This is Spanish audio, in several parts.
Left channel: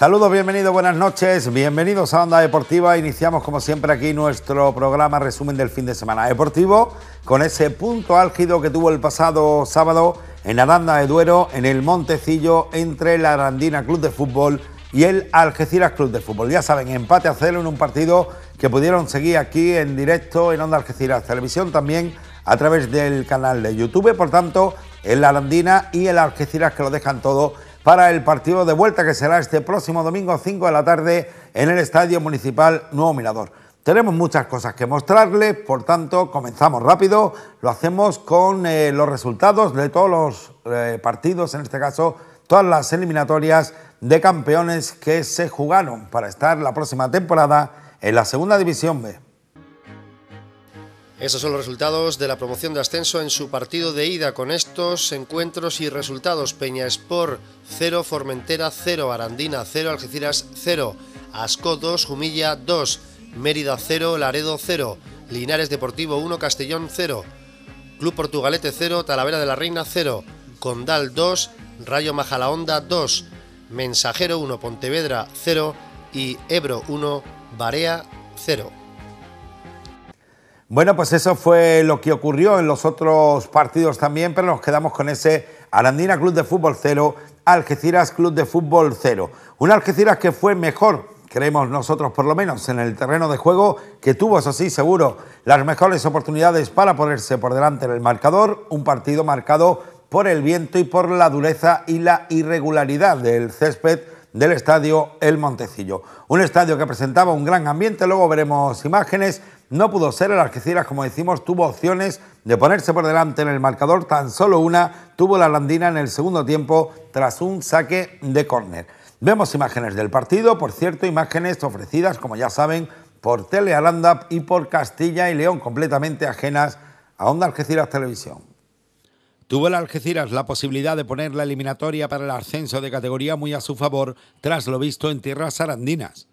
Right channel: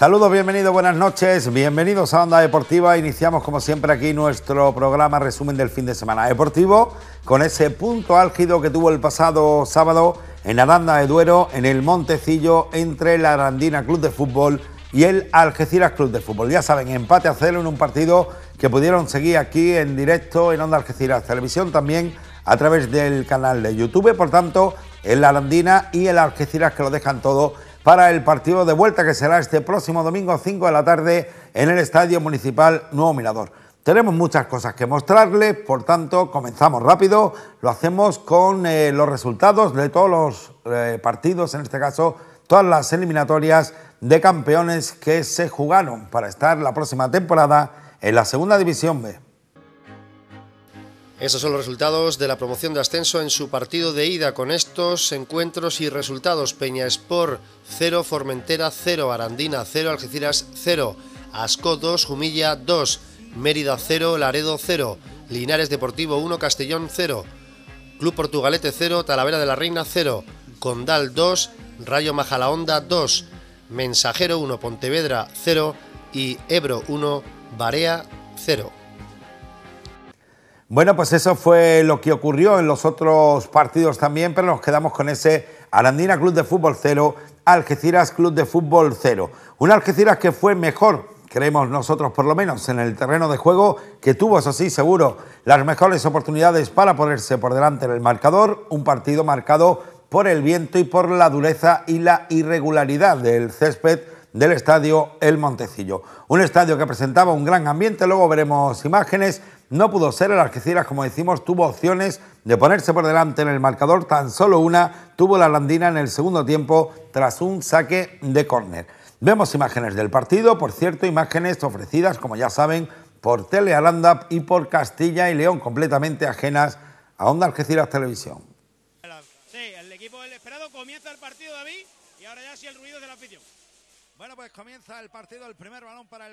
Saludos, bienvenidos, buenas noches, bienvenidos a Onda Deportiva. Iniciamos como siempre aquí nuestro programa resumen del fin de semana deportivo con ese punto álgido que tuvo el pasado sábado en Aranda de Duero, en el Montecillo, entre la Arandina Club de Fútbol y el Algeciras Club de Fútbol. Ya saben, empate a 0 en un partido que pudieron seguir aquí en directo en Onda Algeciras Televisión, también a través del canal de YouTube. Por tanto, el Arandina y el Algeciras que lo dejan todo para el partido de vuelta que será este próximo domingo 5 de la tarde en el Estadio Municipal Nuevo Mirador. Tenemos muchas cosas que mostrarles, por tanto comenzamos rápido, lo hacemos con los resultados de todos los partidos, en este caso todas las eliminatorias de campeones que se jugaron para estar la próxima temporada en la Segunda División B. Esos son los resultados de la promoción de ascenso en su partido de ida. Con estos encuentros y resultados: Peñasport 0, Formentera 0, Arandina 0, Algeciras 0, Ascó 2, Jumilla 2, Mérida 0, Laredo 0, Linares Deportivo 1, Castellón 0, Club Portugalete 0, Talavera de la Reina 0, Condal 2, Rayo Majadahonda 2, Mensajero 1, Pontevedra 0 y Ebro 1, Barea 0. Bueno, pues eso fue lo que ocurrió en los otros partidos también, pero nos quedamos con ese Arandina Club de Fútbol 0, Algeciras Club de Fútbol 0. Un Algeciras que fue mejor, creemos nosotros por lo menos, en el terreno de juego, que tuvo, eso sí, seguro, las mejores oportunidades para ponerse por delante en el marcador. Un partido marcado por el viento y por la dureza y la irregularidad del césped del estadio El Montecillo. Un estadio que presentaba un gran ambiente, luego veremos imágenes. No pudo ser, el Algeciras, como decimos, tuvo opciones de ponerse por delante en el marcador, tan solo una tuvo la Arandina en el segundo tiempo tras un saque de córner. Vemos imágenes del partido, por cierto, imágenes ofrecidas, como ya saben, por Telearanda y por Castilla y León, completamente ajenas a Onda Algeciras Televisión. Tuvo el Algeciras la posibilidad de poner la eliminatoria para el ascenso de categoría muy a su favor, tras lo visto en tierras arandinas.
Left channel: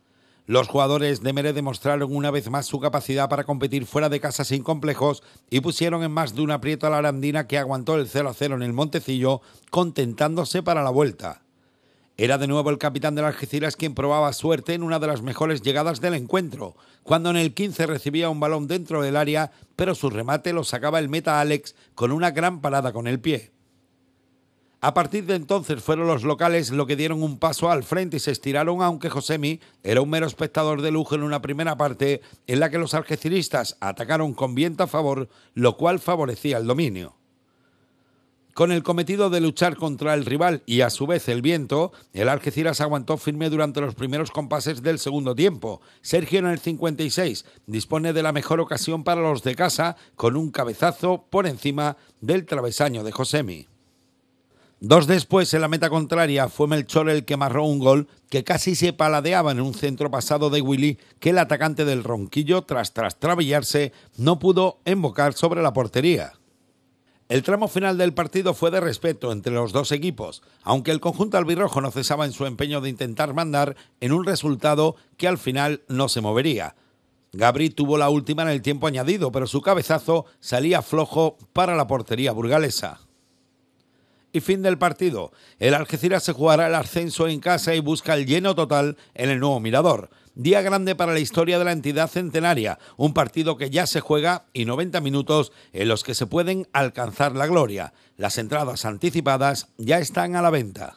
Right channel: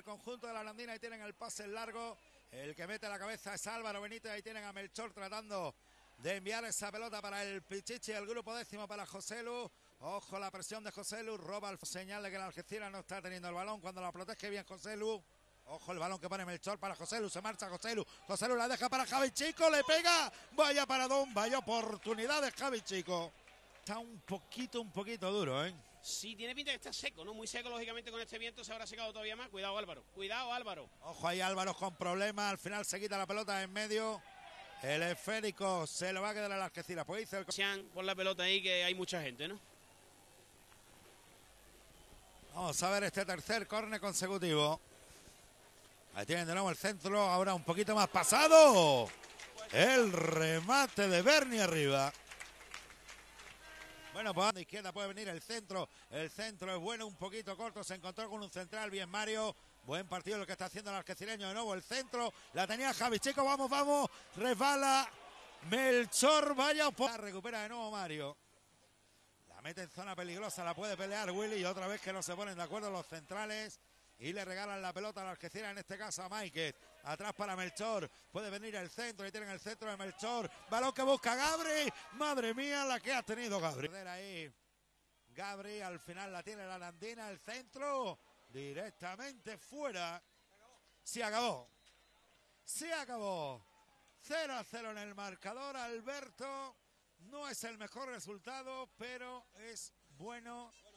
Los jugadores de Mere demostraron una vez más su capacidad para competir fuera de casa sin complejos y pusieron en más de un aprieto a la Arandina, que aguantó el 0-0 en el Montecillo, contentándose para la vuelta. Era de nuevo el capitán del Algeciras quien probaba suerte en una de las mejores llegadas del encuentro, cuando en el 15 recibía un balón dentro del área, pero su remate lo sacaba el meta Alex con una gran parada con el pie. A partir de entonces fueron los locales los que dieron un paso al frente y se estiraron, aunque Josemi era un mero espectador de lujo en una primera parte en la que los algeciristas atacaron con viento a favor, lo cual favorecía el dominio. Con el cometido de luchar contra el rival y a su vez el viento, el Algeciras aguantó firme durante los primeros compases del segundo tiempo. Sergio, en el 56, dispone de la mejor ocasión para los de casa con un cabezazo por encima del travesaño de Josemi. Dos después, en la meta contraria, fue Melchor el que marró un gol que casi se paladeaba en un centro pasado de Willy, que el atacante del Ronquillo, tras trabillarse, no pudo embocar sobre la portería. El tramo final del partido fue de respeto entre los dos equipos, aunque el conjunto albirrojo no cesaba en su empeño de intentar mandar en un resultado que al final no se movería. Gabri tuvo la última en el tiempo añadido, pero su cabezazo salía flojo para la portería burgalesa. Y fin del partido. El Algeciras se jugará el ascenso en casa y busca el lleno total en el Nuevo Mirador. Día grande para la historia de la entidad centenaria, un partido que ya se juega y 90 minutos en los que se pueden alcanzar la gloria. Las entradas anticipadas ya están a la venta.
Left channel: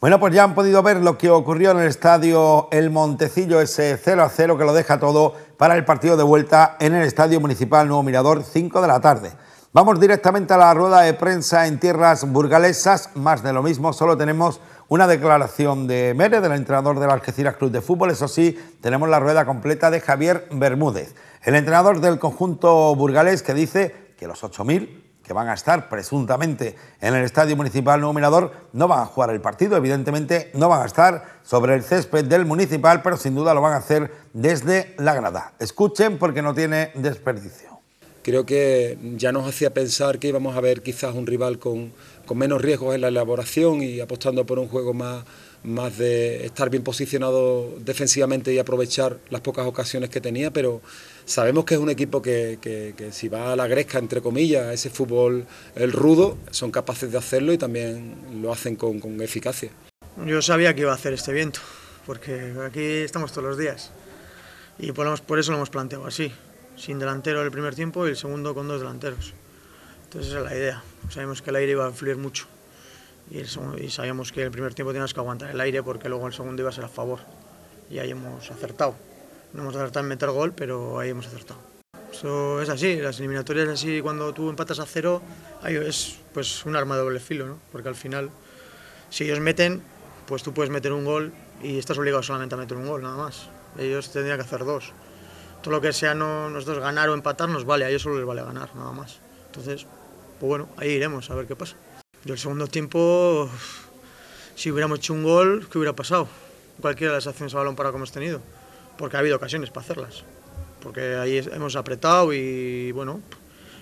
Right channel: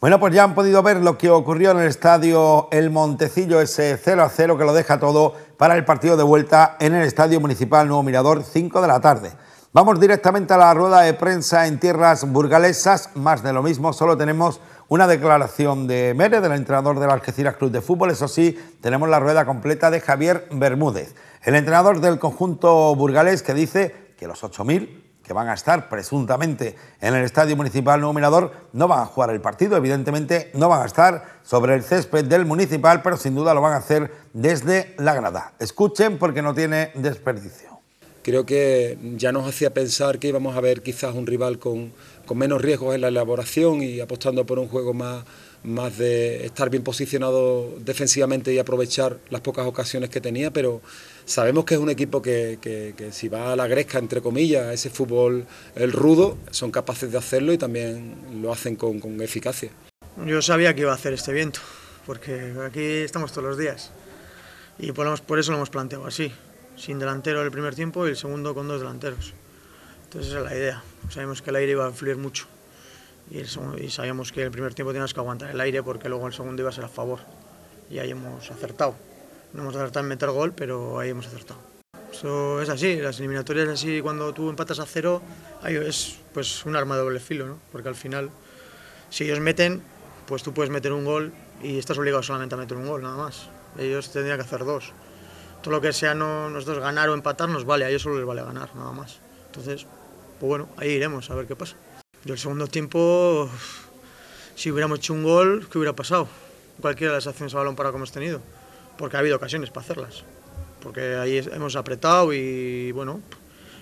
Bueno, pues ya han podido ver lo que ocurrió en el estadio El Montecillo, ese 0-0 que lo deja todo para el partido de vuelta en el Estadio Municipal Nuevo Mirador, 5 de la tarde. Vamos directamente a la rueda de prensa en tierras burgalesas, más de lo mismo, solo tenemos una declaración de Mere, del entrenador del Algeciras Club de Fútbol. Eso sí, tenemos la rueda completa de Javier Bermúdez, el entrenador del conjunto burgalés, que dice que los 8.000 que van a estar presuntamente en el Estadio Municipal Nuevo Mirador no van a jugar el partido, evidentemente no van a estar sobre el césped del Municipal, pero sin duda lo van a hacer desde la grada. Escuchen, porque no tiene desperdicio. Creo que ya nos hacía pensar que íbamos a ver quizás un rival con menos riesgos en la elaboración y apostando por un juego más de estar bien posicionado defensivamente y aprovechar las pocas ocasiones que tenía, pero sabemos que es un equipo que si va a la gresca, entre comillas, a ese fútbol el rudo, son capaces de hacerlo y también lo hacen con eficacia. Yo sabía que iba a hacer este viento, porque aquí estamos todos los días y por eso lo hemos planteado así, sin delantero el primer tiempo y el segundo con 2 delanteros. Entonces esa es la idea, sabíamos que el aire iba a fluir mucho y sabíamos que el primer tiempo teníamos que aguantar el aire porque luego el segundo iba a ser a favor y ahí hemos acertado. No hemos acertado en meter gol, pero ahí hemos acertado. Eso es así, las eliminatorias así, cuando tú empatas a 0, ahí es pues un arma de doble filo, ¿no? Porque al final, si ellos meten, pues tú puedes meter un gol y estás obligado solamente a meter un gol, nada más. Ellos tendrían que hacer 2. Todo lo que sea nosotros ganar o empatar nos vale, a ellos solo les vale ganar, nada más. Entonces, pues bueno, ahí iremos a ver qué pasa. Yo el segundo tiempo, si hubiéramos hecho un gol, ¿qué hubiera pasado? Cualquiera de las acciones a balón parado que hemos tenido, porque ha habido ocasiones para hacerlas. Porque ahí hemos apretado y bueno,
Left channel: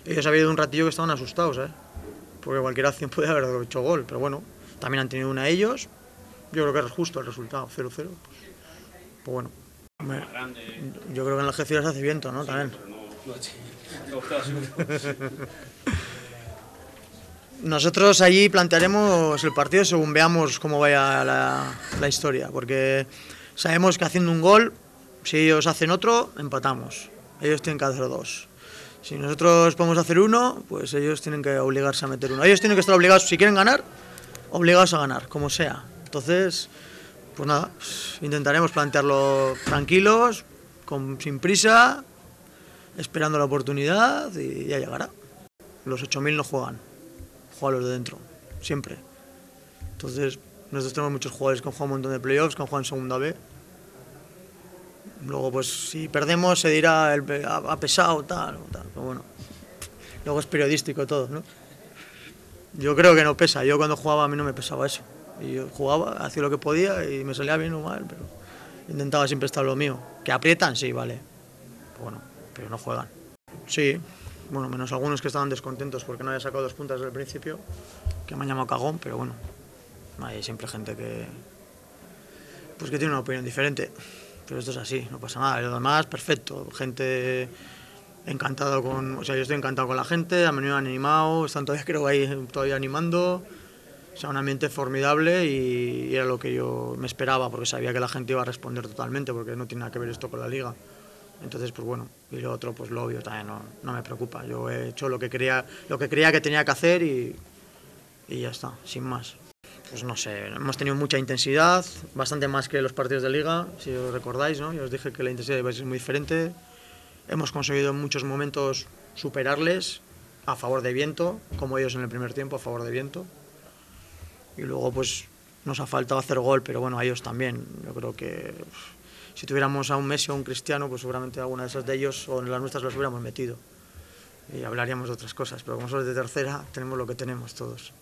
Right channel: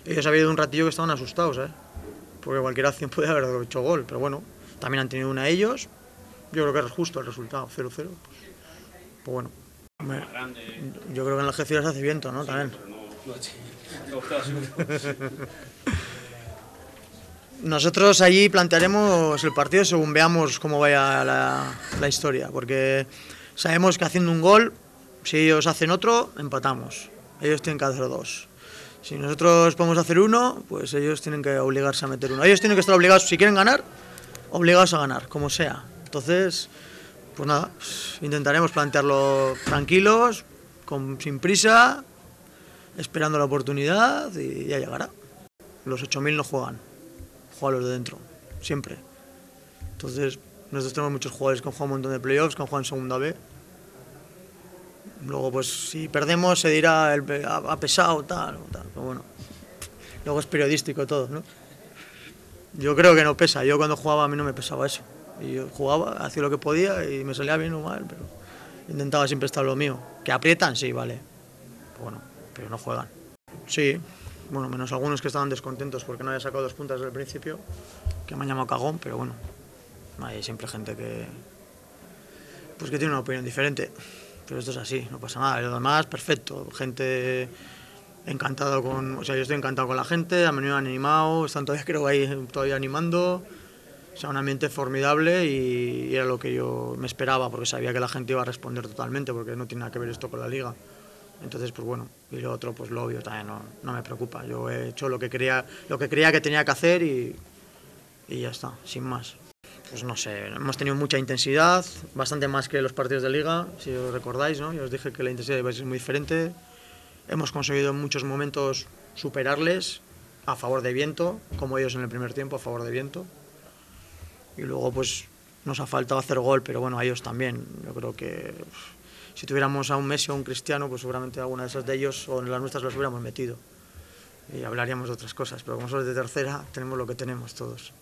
ellos ha habido un ratillo que estaban asustados, porque cualquier acción puede haber hecho gol, pero bueno, también han tenido una ellos, yo creo que es justo el resultado, 0-0, pues bueno. Yo creo que en la Algeciras hace viento, ¿no? También. Nosotros allí plantearemos el partido según veamos cómo vaya la historia, porque sabemos que haciendo un gol, si ellos hacen otro, empatamos. Ellos tienen que hacer 2. Si nosotros podemos hacer 1, pues ellos tienen que obligarse a meter 1. Ellos tienen que estar obligados, si quieren ganar, obligados a ganar, como sea. Entonces, pues nada, intentaremos plantearlo tranquilos, sin prisa, esperando la oportunidad y ya llegará. Los 8.000 no juegan los de dentro, siempre. Entonces, nosotros tenemos muchos jugadores que han jugado un montón de playoffs, que han jugado en segunda B. Luego, pues, si perdemos se dirá ha pesado, tal, pero bueno, luego es periodístico todo, ¿no? Yo creo que no pesa, yo cuando jugaba a mí no me pesaba eso. Y yo jugaba, hacía lo que podía y me salía bien o mal, pero intentaba siempre estar lo mío. ¿Que aprietan? Sí, vale. Bueno, pero no juegan. Sí, bueno, menos algunos que estaban descontentos porque no había sacado 2 puntas desde el principio, que me han llamado cagón, pero bueno, hay siempre gente que tiene una opinión diferente. Pero esto es así, no pasa nada. Lo demás, perfecto. Gente encantado yo estoy encantado con la gente, han venido animados, están todavía, creo, ahí todavía animando. O sea, un ambiente formidable y era lo que yo me esperaba, porque sabía que la gente iba a responder totalmente, porque no tiene nada que ver esto con la liga. Entonces, pues bueno, y lo otro, pues lo obvio también no me preocupa. Yo he hecho lo que creía que tenía que hacer y ya está, sin más. Pues no sé, hemos tenido mucha intensidad, bastante más que los partidos de liga, si os recordáis, ¿no? Yo os dije que la intensidad iba a ser muy diferente. Hemos conseguido en muchos momentos superarles a favor de viento, como ellos en el primer tiempo, a favor de viento. Y luego pues nos ha faltado hacer gol, pero bueno, a ellos también. Yo creo que si tuviéramos a un Messi o un Cristiano, pues seguramente alguna de esas de ellos o en las nuestras las hubiéramos metido. Y hablaríamos de otras cosas, pero como somos de tercera, tenemos lo que tenemos todos.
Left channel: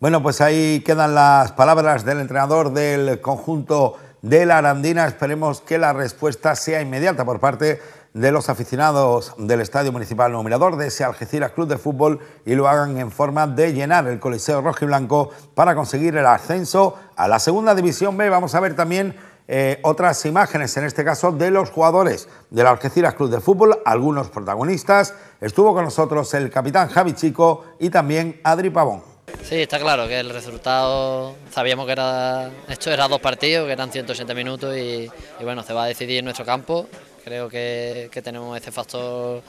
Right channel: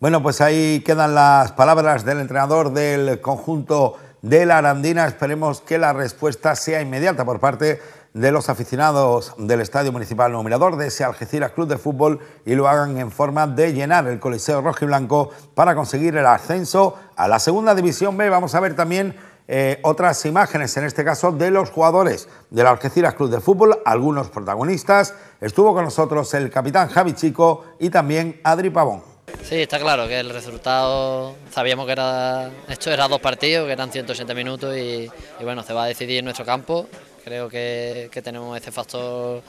Bueno, pues ahí quedan las palabras del entrenador del conjunto de la Arandina. Esperemos que la respuesta sea inmediata por parte de los aficionados del Estadio Municipal Nuevo Mirador, de ese Algeciras Club de Fútbol, y lo hagan en forma de llenar el Coliseo Rojiblanco para conseguir el ascenso a la Segunda División B. Vamos a ver también otras imágenes, en este caso de los jugadores del Algeciras Club de Fútbol, algunos protagonistas. Estuvo con nosotros el capitán Javi Chico y también Adri Pavón. Sí, está claro que el resultado, sabíamos que esto era 2 partidos, que eran 180 minutos y bueno, se va a decidir en nuestro campo. Creo que tenemos este factor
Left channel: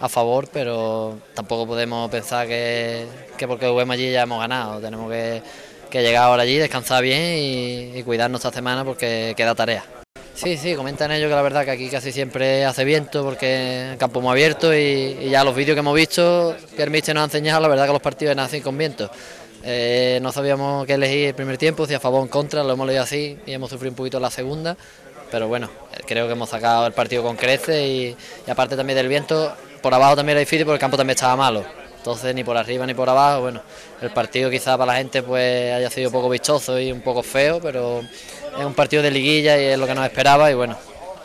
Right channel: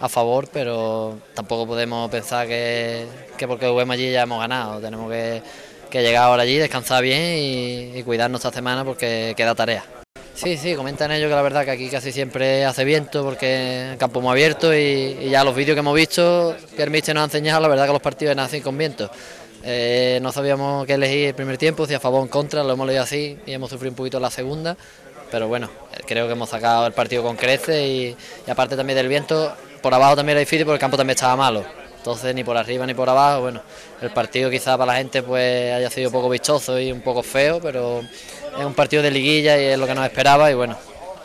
a favor, pero tampoco podemos pensar que porque juguemos allí ya hemos ganado. Tenemos que llegar ahora allí, descansar bien y cuidarnos esta semana porque queda tarea. Sí, comentan ellos que la verdad que aquí casi siempre hace viento porque el campo es muy abierto y ya los vídeos que hemos visto que el míster nos ha enseñado, la verdad que los partidos nacen con viento. No sabíamos qué elegir el primer tiempo, si a favor o en contra, lo hemos leído así y hemos sufrido un poquito la segunda, pero bueno, creo que hemos sacado el partido con creces y aparte también del viento, por abajo también era difícil porque el campo también estaba malo. Entonces ni por arriba ni por abajo, bueno, el partido quizá para la gente pues haya sido poco vistoso y un poco feo, pero es un partido de liguilla y es lo que nos esperaba y bueno,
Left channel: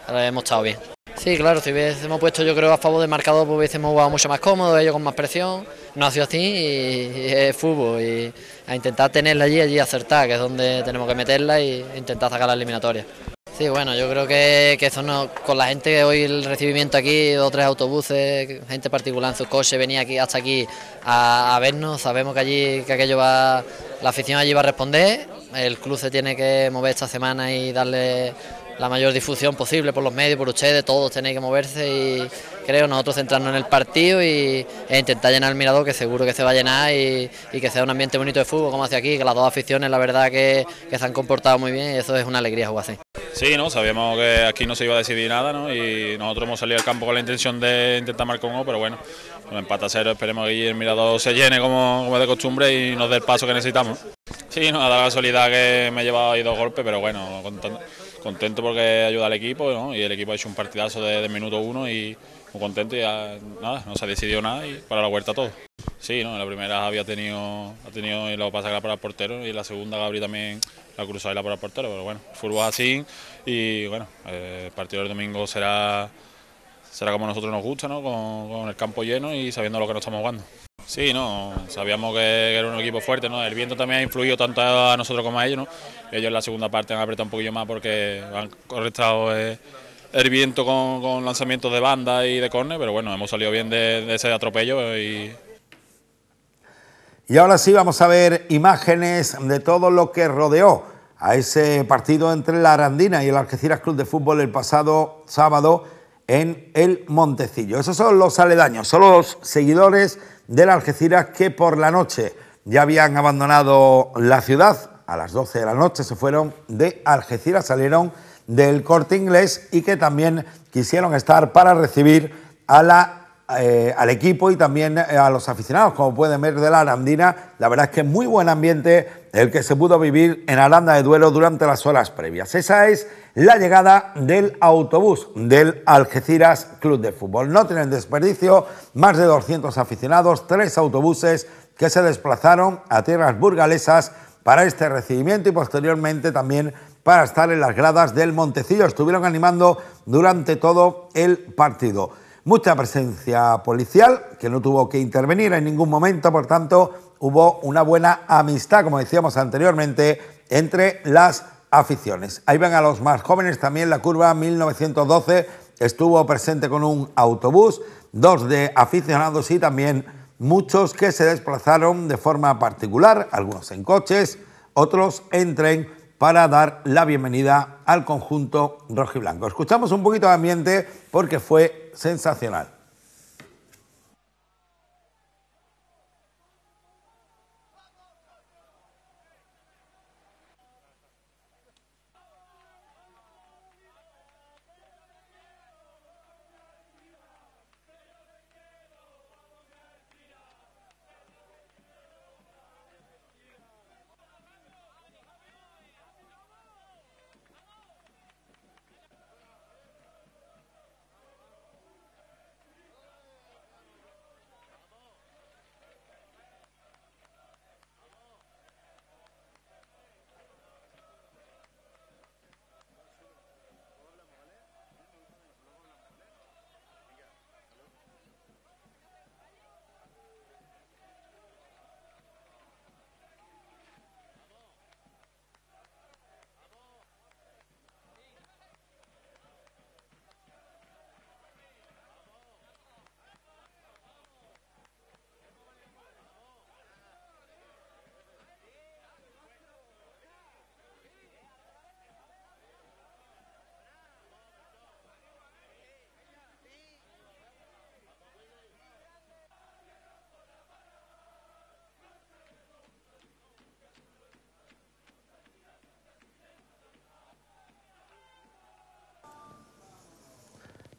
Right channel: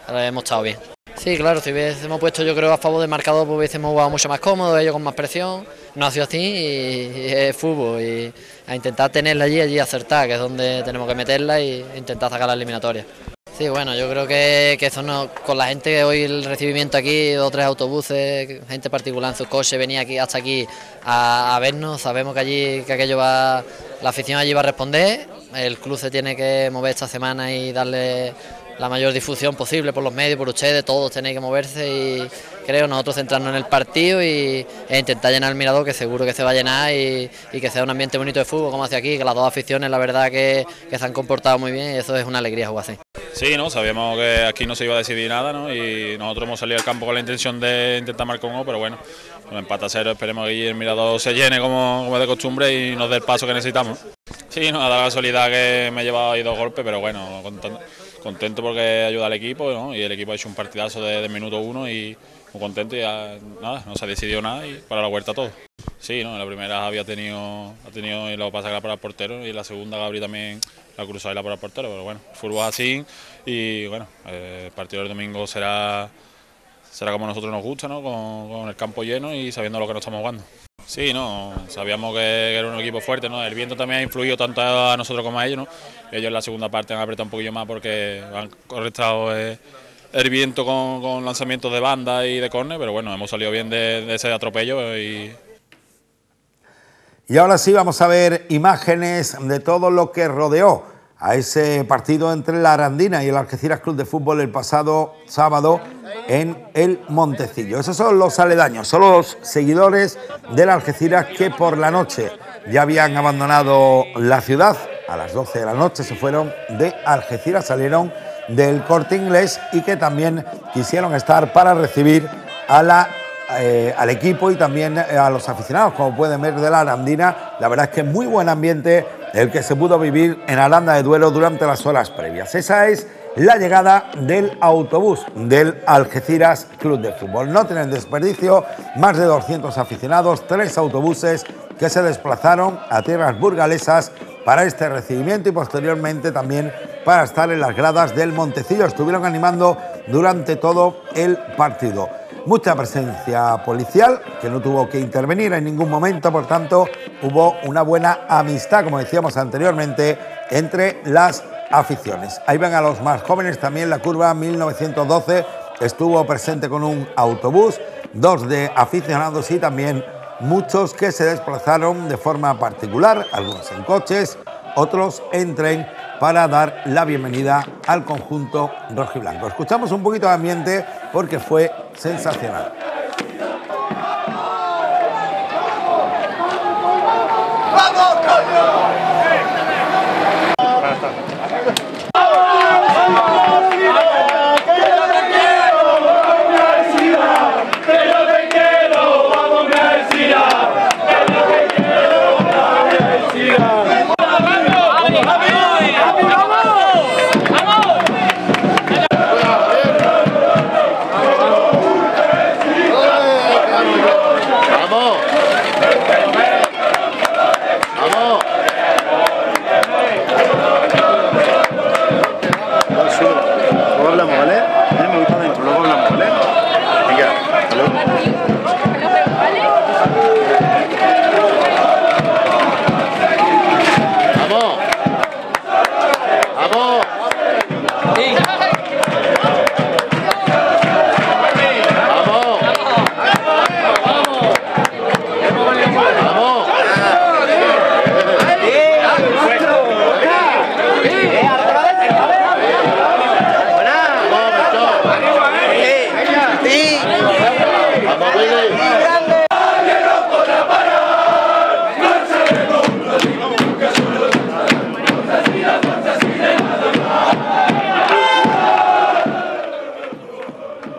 hemos estado bien. Sí, claro, si hubiésemos puesto yo creo a favor del marcador pues hubiésemos jugado mucho más cómodo, ellos con más presión, no ha sido así y es fútbol y a intentar tenerla allí acertar, que es donde tenemos que meterla e intentar sacar la eliminatoria. Sí, bueno, yo creo que eso no, con la gente, hoy el recibimiento aquí, 2 o 3 autobuses, gente particular en sus coches, venía aquí hasta aquí a vernos, sabemos que allí, que aquello va, la afición allí va a responder, el club se tiene que mover esta semana y darle la mayor difusión posible por los medios, por ustedes, todos tenéis que moverse y creo nosotros centrarnos en el partido e intentar llenar el Mirador, que seguro que se va a llenar y que sea un ambiente bonito de fútbol como hace aquí, que las dos aficiones la verdad que se han comportado muy bien y eso es una alegría jugar así. Sí, ¿no? Sabíamos que aquí no se iba a decidir nada, ¿no? Y nosotros hemos salido al campo con la intención de intentar marcar un gol, pero bueno, con empate a 0 esperemos que el Mirador se llene como es de costumbre y nos dé el paso que necesitamos. Sí, no, ha dado la casualidad que me he llevado ahí 2 golpes, pero bueno, contento porque ayuda al equipo, ¿no? Y el equipo ha hecho un partidazo de minuto 1 y muy contento y ya, nada, no se ha decidido nada y para la vuelta todo. Sí, ¿no? En la primera Javi ha tenido y lo pasa que la para el portero y en la segunda Gabri también la cruzó y la para el portero, pero bueno, el fútbol es así y bueno, el partido del domingo será como a nosotros nos gusta, ¿no? Con el campo lleno y sabiendo lo que nos estamos jugando. Sí, no, sabíamos que era un equipo fuerte, ¿no? El viento también ha influido tanto a nosotros como a ellos, ¿no? Ellos en la segunda parte han apretado un poquillo más porque han correctado el viento con lanzamientos de banda y de córner, pero bueno, hemos salido bien de ese atropello y ahora sí vamos a ver imágenes de todo lo que rodeó a ese partido entre la Arandina y el Algeciras Club de Fútbol el pasado sábado en el Montecillo. Esos son los aledaños, son los seguidores del Algeciras que por la noche ya habían abandonado la ciudad. A las 12 de la noche se fueron de Algeciras, salieron del Corte Inglés y que también quisieron estar para recibir al equipo y también a los aficionados, como pueden ver, de la Arandina. La verdad es que muy buen ambiente el que se pudo vivir en Aranda de Duero durante las horas previas. Esa es la llegada del autobús del Algeciras Club de Fútbol. No tienen desperdicio, más de 200 aficionados, 3 autobuses que se desplazaron a tierras burgalesas para este recibimiento y posteriormente también para estar en las gradas del Montecillo. Estuvieron animando durante todo el partido. Mucha presencia policial, que no tuvo que intervenir en ningún momento, por tanto, hubo una buena amistad, como decíamos anteriormente, entre las aficiones. Ahí ven a los más jóvenes, también la curva 1912 estuvo presente con un autobús, 2 de aficionados y también muchos que se desplazaron de forma particular, algunos en coches, otros en tren, para dar la bienvenida al conjunto rojiblanco. Escuchamos un poquito de ambiente porque fue sensacional.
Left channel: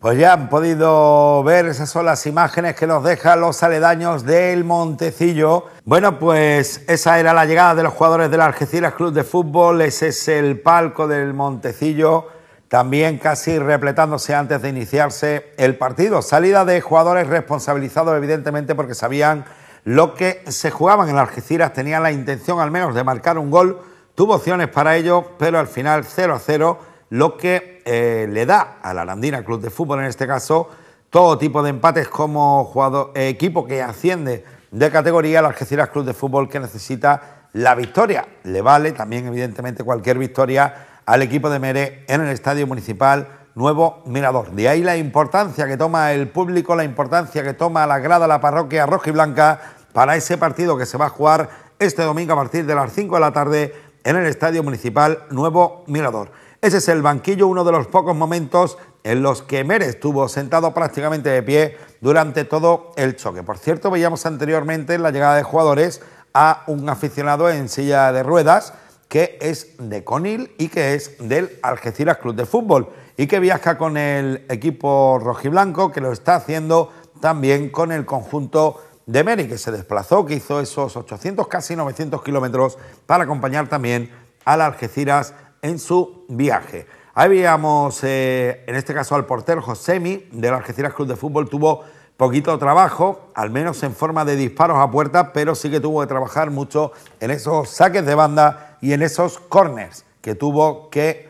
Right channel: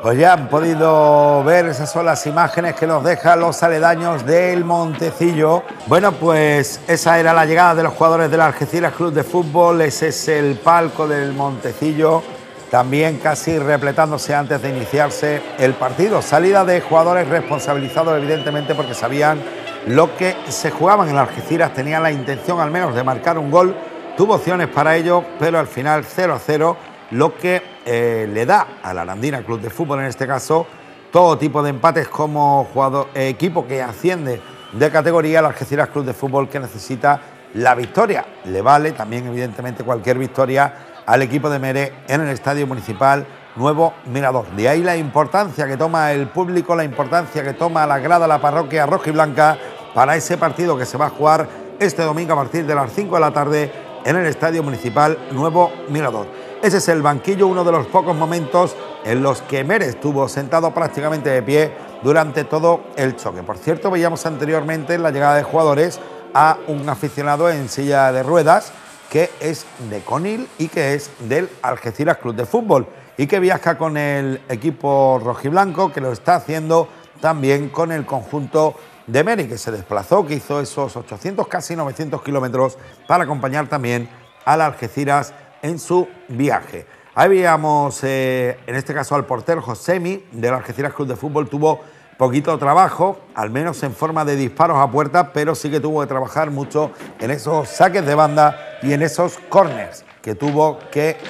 Pues ya han podido ver, esas son las imágenes que nos dejan los aledaños del Montecillo. Bueno, pues esa era la llegada de los jugadores del Algeciras Club de Fútbol. Ese es el palco del Montecillo, también casi repletándose antes de iniciarse el partido. Salida de jugadores responsabilizados, evidentemente, porque sabían lo que se jugaban. En Algeciras tenían la intención al menos de marcar un gol. Tuvo opciones para ello, pero al final 0-0, lo que le da a la Arandina Club de Fútbol, en este caso, todo tipo de empates como equipo que asciende de categoría. El Algeciras Club de Fútbol que necesita la victoria. Le vale también, evidentemente, cualquier victoria al equipo de Mere en el Estadio Municipal Nuevo Mirador. De ahí la importancia que toma el público, la importancia que toma la grada de la parroquia rojiblanca para ese partido que se va a jugar este domingo a partir de las 5 de la tarde en el Estadio Municipal Nuevo Mirador. Ese es el banquillo, uno de los pocos momentos en los que Mere estuvo sentado prácticamente de pie durante todo el choque. Por cierto, veíamos anteriormente la llegada de jugadores a un aficionado en silla de ruedas que es de Conil y que es del Algeciras Club de Fútbol y que viaja con el equipo rojiblanco, que lo está haciendo también con el conjunto de Mere, que se desplazó, que hizo esos 800, casi 900 kilómetros para acompañar también al Algeciras en su viaje. Ahí veíamos, en este caso al portero Josemi del Algeciras Club de Fútbol, tuvo poquito trabajo, al menos en forma de disparos a puerta, pero sí que tuvo que trabajar mucho en esos saques de banda y en esos corners que tuvo que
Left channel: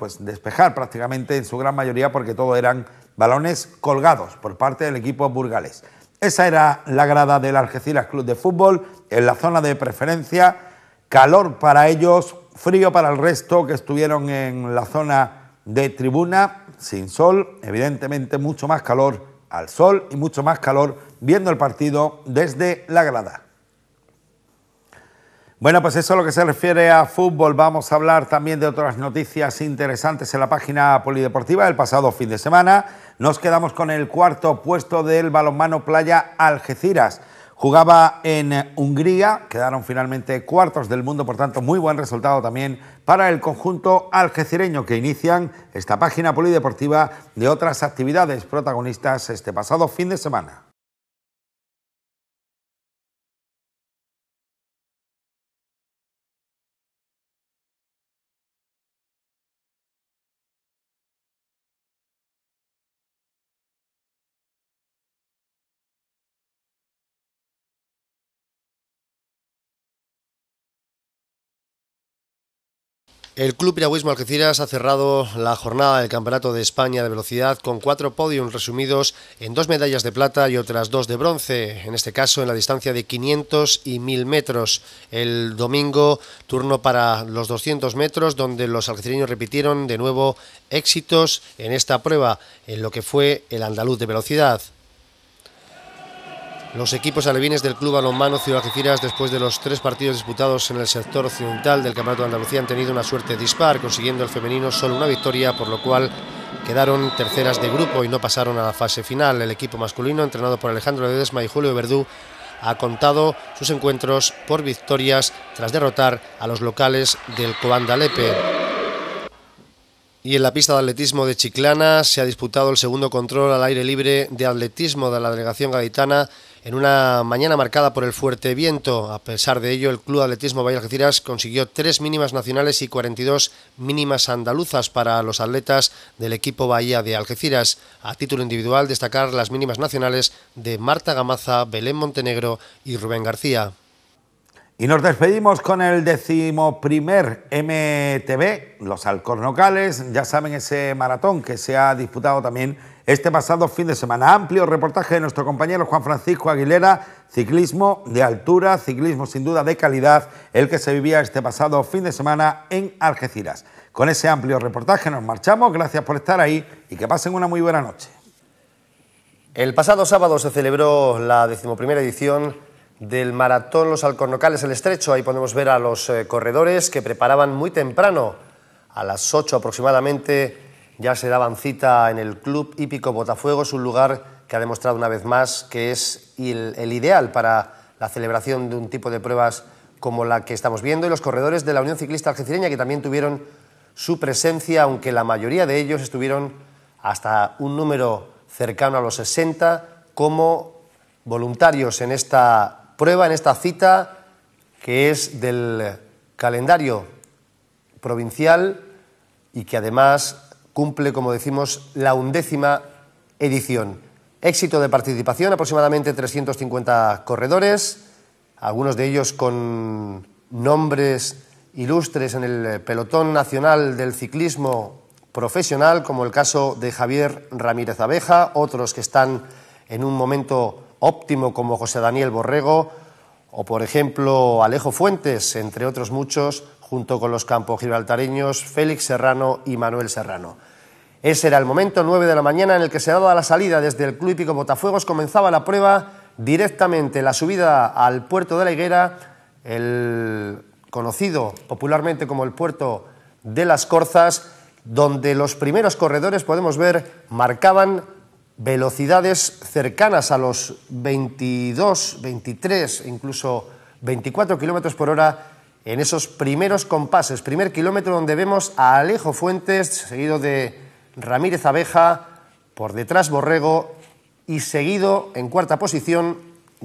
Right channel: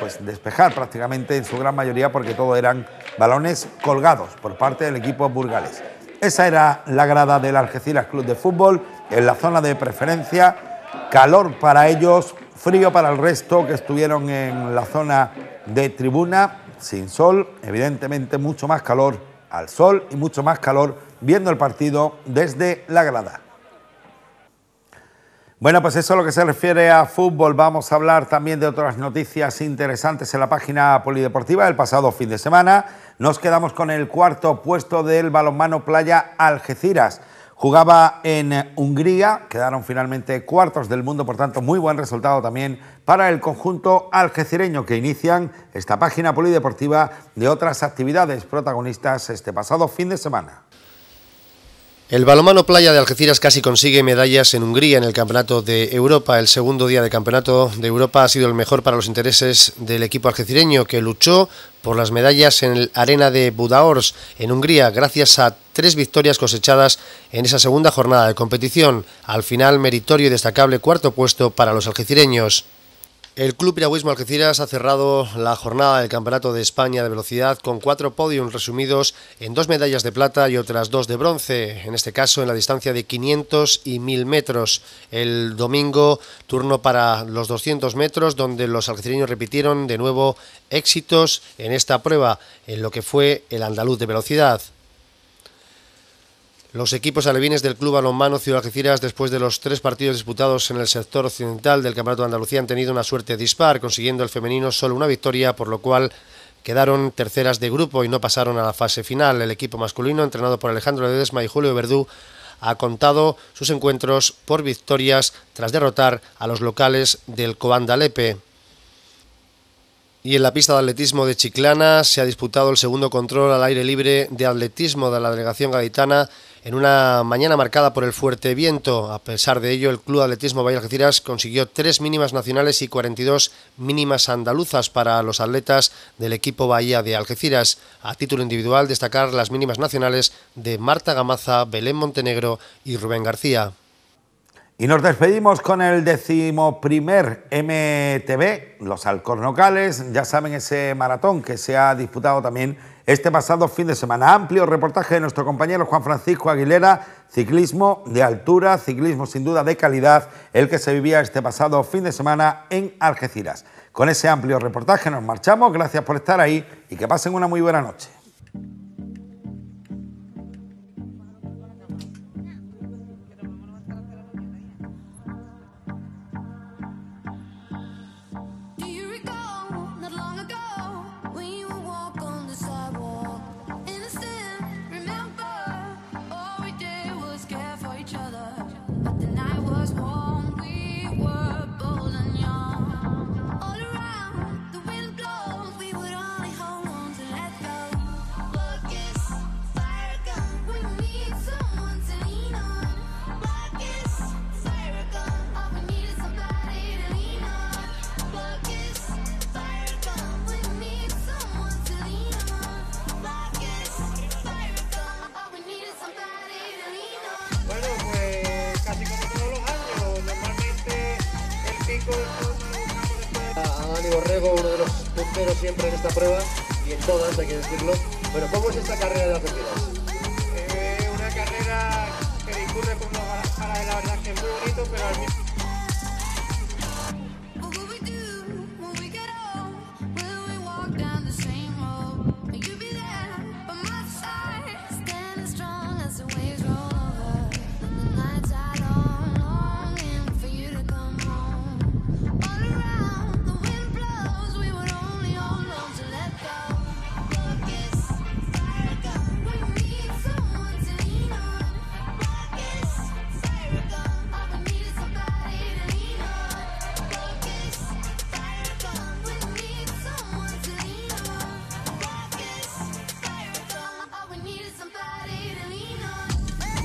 pues despejar prácticamente en su gran mayoría, porque todo eran balones colgados por parte del equipo burgalés. Esa era la grada del Algeciras Club de Fútbol en la zona de preferencia. Calor para ellos, frío para el resto que estuvieron en la zona de tribuna, sin sol, evidentemente mucho más calor al sol y mucho más calor viendo el partido desde la grada. Bueno, pues eso es lo que se refiere a fútbol. Vamos a hablar también de otras noticias interesantes en la página polideportiva. El pasado fin de semana nos quedamos con el cuarto puesto del balonmano playa Algeciras. Jugaba en Hungría, quedaron finalmente cuartos del mundo, por tanto muy buen resultado también para el conjunto algecireño, que inician esta página polideportiva de otras actividades protagonistas este pasado fin de semana. El balonmano playa de Algeciras casi consigue medallas en Hungría en el Campeonato de Europa. El segundo día de Campeonato de Europa ha sido el mejor para los intereses del equipo algecireño, que luchó por las medallas en el Arena de Budaörs, en Hungría, gracias a 3 victorias cosechadas en esa segunda jornada de competición. Al final, meritorio y destacable cuarto puesto para los algecireños. El Club Piragüismo Algeciras ha cerrado la jornada del Campeonato de España de Velocidad con 4 podiums resumidos en 2 medallas de plata y otras 2 de bronce, en este caso en la distancia de 500 y 1000 metros. El domingo, turno para los 200 metros, donde los algecireños repitieron de nuevo éxitos en esta prueba, en lo que fue el andaluz de velocidad. Los equipos alevines del Club Balonmano Ciudad Algeciras, después de los 3 partidos disputados en el sector occidental del Campeonato de Andalucía, han tenido una suerte dispar, consiguiendo el femenino solo una victoria, por lo cual quedaron terceras de grupo y no pasaron a la fase final. El equipo masculino, entrenado por Alejandro Ledesma y Julio Verdú, ha contado sus encuentros por victorias tras derrotar a los locales del Coanda Lepe. Y en la pista de atletismo de Chiclana se ha disputado el segundo control al aire libre de atletismo de la delegación gaditana en una mañana marcada por el fuerte viento. A pesar de ello, el Club Atletismo Bahía Algeciras consiguió 3 mínimas nacionales y 42 mínimas andaluzas para los atletas del equipo Bahía de Algeciras. A título individual, destacar las mínimas nacionales de Marta Gamaza, Belén Montenegro y Rubén García. Y nos despedimos con el 11º MTB, los Alcornocales, ya saben, ese maratón que se ha disputado también este pasado fin de semana. Amplio reportaje de nuestro compañero Juan Francisco Aguilera, ciclismo de altura, ciclismo sin duda de calidad, el que se vivía este pasado fin de semana en Algeciras. Con ese amplio reportaje nos marchamos, gracias por estar ahí y que pasen una muy buena noche. El pasado sábado se celebró la 11ª edición del Maratón Los Alcornocales El Estrecho. Ahí podemos ver a los corredores que preparaban muy temprano, a las 8 aproximadamente, ya se daban cita en el Club Hípico Botafuegos, un lugar que ha demostrado una vez más que es el ideal para la celebración de un tipo de pruebas como la que estamos viendo, y los corredores de la Unión Ciclista Algecireña, que también tuvieron su presencia, aunque la mayoría de ellos estuvieron hasta un número cercano a los 60 como voluntarios en esta prueba, en esta cita que es del calendario provincial y que además cumple, como decimos, la 11ª edición. Éxito de participación, aproximadamente 350 corredores, algunos de ellos con nombres ilustres en el pelotón nacional del ciclismo profesional, como el caso de Javier Ramírez Abeja, otros que están en un momento óptimo como José Daniel Borrego o por ejemplo Alejo Fuentes, entre otros muchos junto con los campogibraltareños Félix Serrano y Manuel Serrano. Ese era el momento, 9 de la mañana, en el que se daba la salida desde el Club Hípico Botafuegos. Comenzaba la prueba directamente, la subida al puerto de la Higuera, el conocido popularmente como el puerto de las Corzas, donde los primeros corredores, podemos ver, marcaban velocidades cercanas a los 22, 23, incluso 24 kilómetros por hora en esos primeros compases. Primer kilómetro donde vemos a Alejo Fuentes, seguido de Ramírez Abeja, por detrás Borrego y seguido en cuarta posición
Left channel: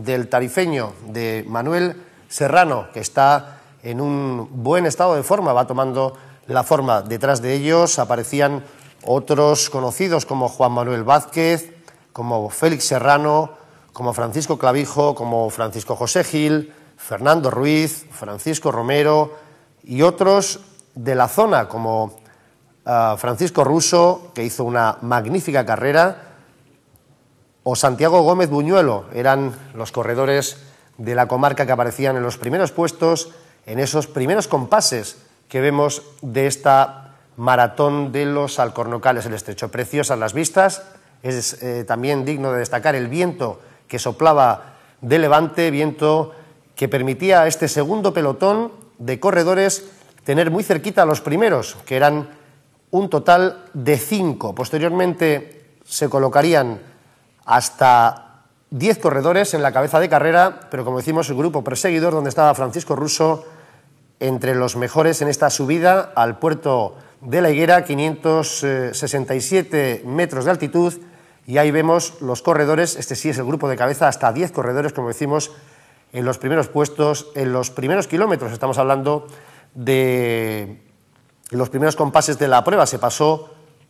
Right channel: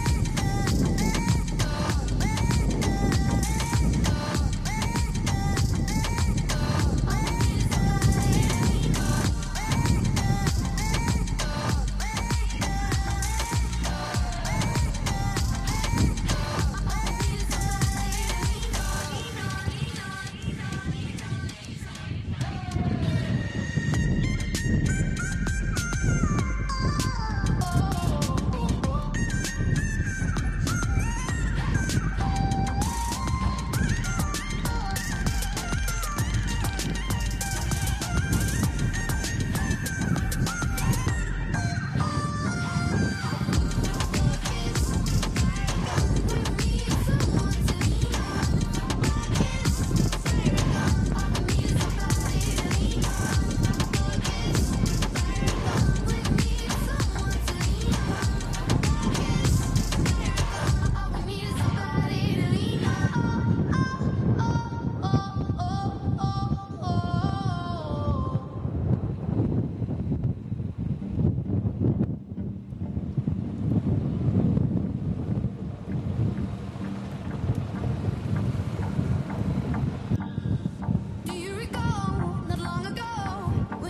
del tarifeño de Manuel Serrano, que está en un buen estado de forma, va tomando la forma. Detrás de ellos aparecían otros conocidos como Juan Manuel Vázquez, como Félix Serrano, como Francisco Clavijo, como Francisco José Gil, Fernando Ruiz, Francisco Romero y otros de la zona como Francisco Russo, que hizo una magnífica carrera, o Santiago Gómez Buñuelo. Eran los corredores de la comarca que aparecían en los primeros puestos, en esos primeros compases que vemos de esta maratón de los Alcornocales del Estrecho. Preciosas las vistas, es también digno de destacar el viento que soplaba de levante, viento que permitía a este segundo pelotón de corredores tener muy cerquita a los primeros, que eran un total de 5. Posteriormente se colocarían hasta 10 corredores en la cabeza de carrera, pero como decimos, el grupo perseguidor, donde estaba Francisco Russo entre los mejores en esta subida al puerto de la Higuera, 567 metros de altitud, y ahí vemos los corredores. Este sí es el grupo de cabeza, hasta 10 corredores, como decimos, en los primeros puestos, en los primeros kilómetros. Estamos hablando de los primeros compases de la prueba. Se pasó